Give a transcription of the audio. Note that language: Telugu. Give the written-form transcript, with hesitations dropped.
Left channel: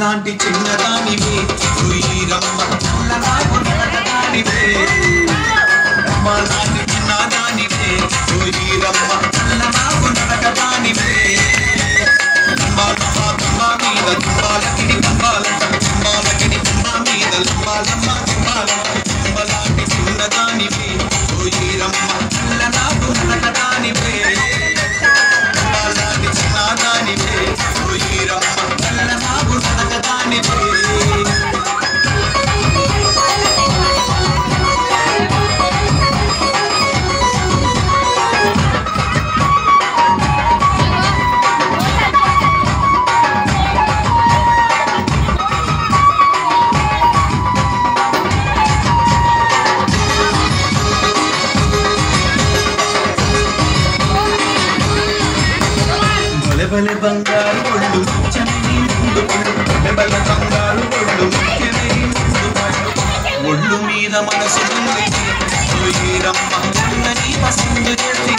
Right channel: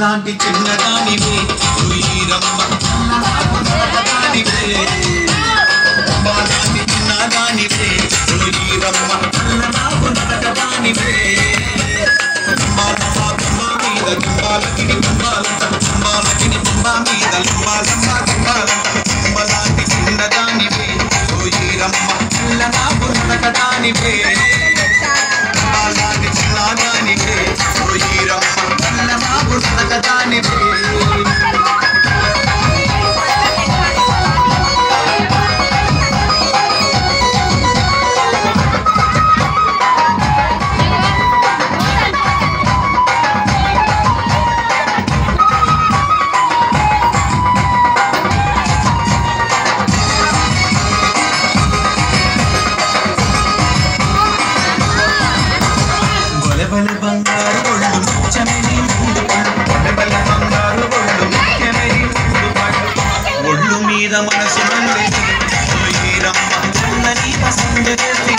లాంటి చిన్నదానివే వీరమ్మ నాకు నడపదానివే అమ్మ లాంటి చిన్నదానివే వీరమ్మ నాకు నడపదానివే అమ్మ మీద తుంబాలకిని తుంబా మీద అమ్మ లాంటి చిన్నదానివే వీరమ్మ నాకు నడపదానివే అమ్మ లాంటి చిన్నదానివే వీరమ్మ నాకు నడపదానివే బలబల బంగారు ఒళ్ళు ముఖ్యమని బలబల బంగారు ఒళ్ళు ముఖ్యమని ఒళ్ళు మీద మనసు వీరమ్మ పసందు చేసి